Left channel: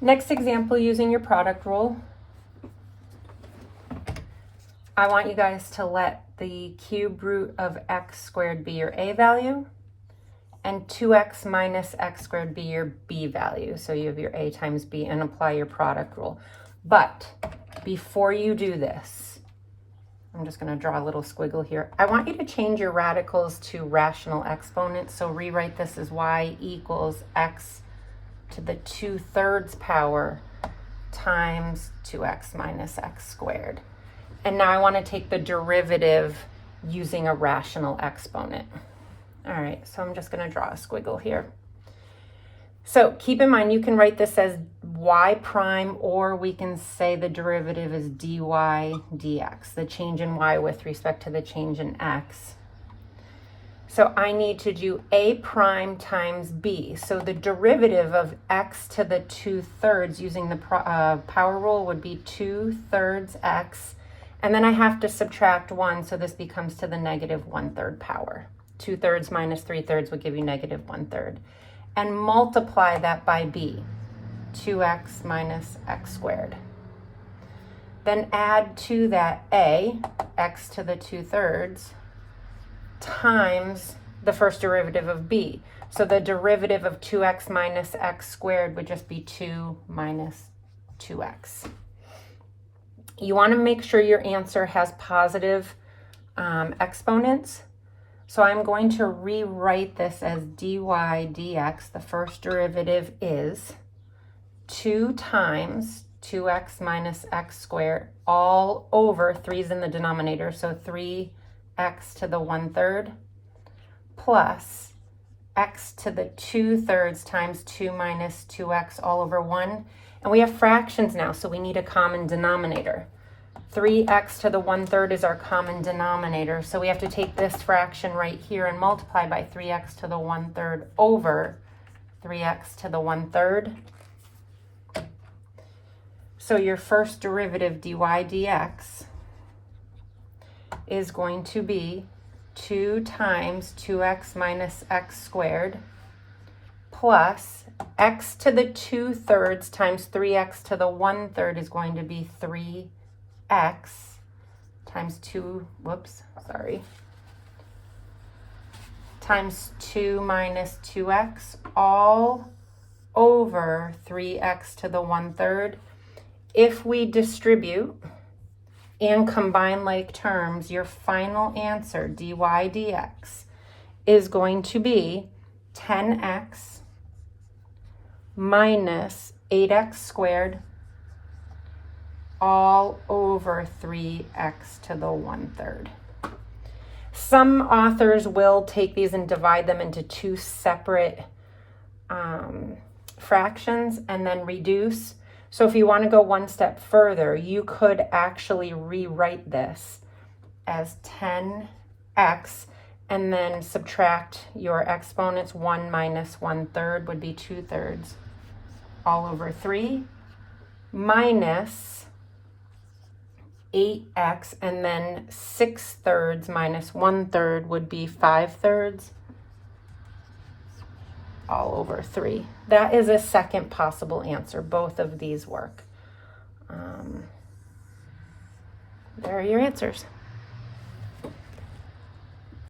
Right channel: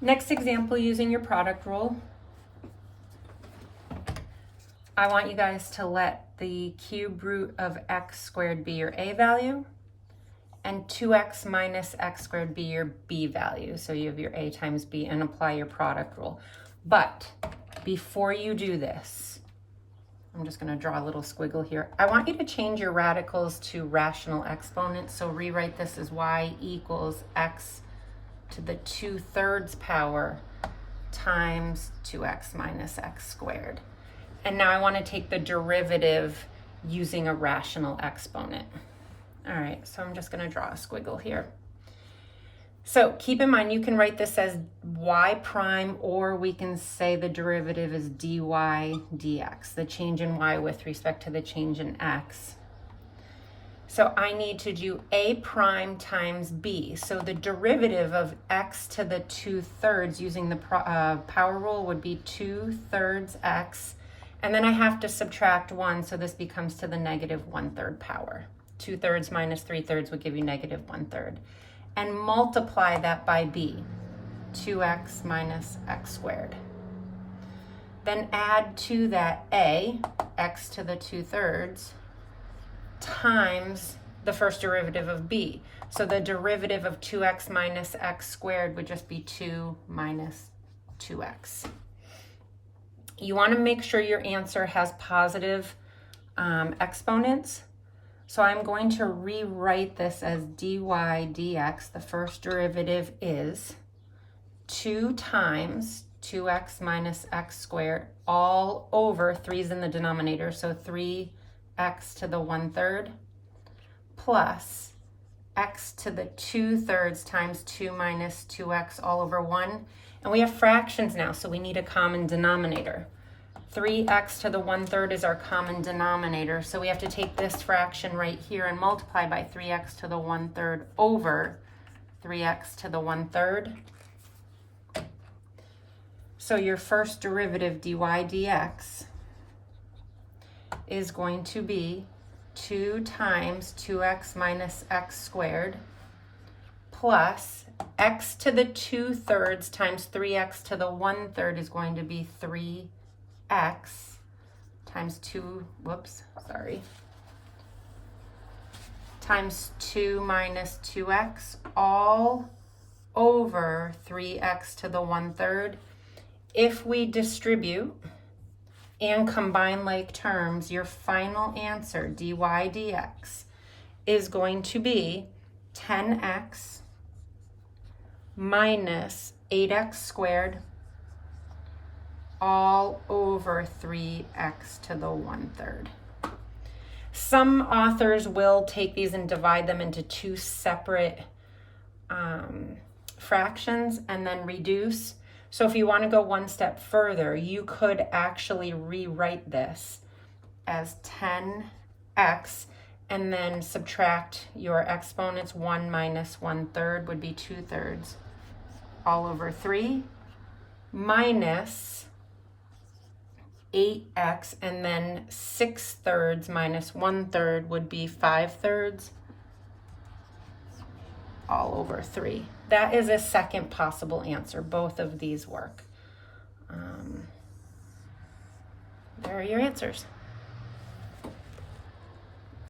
Next example, using your product rule. I want you guys to let the cube root of x squared be your a value and 2x minus x squared be your b value. So you have your a times b and apply your product rule. But before you do this, I'm just going to draw a little squiggle here. I want you to change your radicals to rational exponents. So rewrite this as y equals x to the 2/3 power times 2x minus x squared. And now I want to take the derivative using a rational exponent. All right, so I'm just going to draw a squiggle here. So keep in mind, you can write this as y prime, or we can say the derivative is dy dx, the change in y with respect to the change in x. So I need to do a prime times b. So the derivative of x to the 2/3 using the power rule would be 2/3 x. And then I have to subtract 1, so this becomes to the negative 1/3 power. 2/3 minus 3/3 would give you negative 1/3. And multiply that by b, 2x minus x squared. Then add to that a, x to the 2/3, times the first derivative of b. So the derivative of 2x minus x squared would just be 2 minus 2x. You want to make sure your answer has positive exponents. So I'm going to rewrite this as dy dx. The first derivative is 2 times 2x minus x squared all over, 3's in the denominator, so 3x to the 1/3 plus x to the 2/3 times 2 minus 2x all over 1. And we have fractions now, so we need a common denominator. 3x to the 1/3 is our common denominator, so we have to take this fraction right here and multiply by 3x to the 1/3 over 3x to the 1/3. So your first derivative dy dx is going to be 2 times 2x minus x squared plus x to the 2/3 times 3x to the 1/3 is going to be 3x times 2, times 2 minus 2x all over 3x to the 1/3. If we distribute and combine like terms, your final answer, dy dx, is going to be 10x minus 8x squared all over 3x to the 1/3. Some authors will take these and divide them into two separate fractions and then reduce. So if you want to go one step further, you could actually rewrite this as 10x and then subtract your exponents. 1 minus 1/3 would be 2/3 all over 3 minus 8x, and then 6/3 minus 1/3 would be 5/3 all over 3. That is a second possible answer. Both of these work. There are your answers.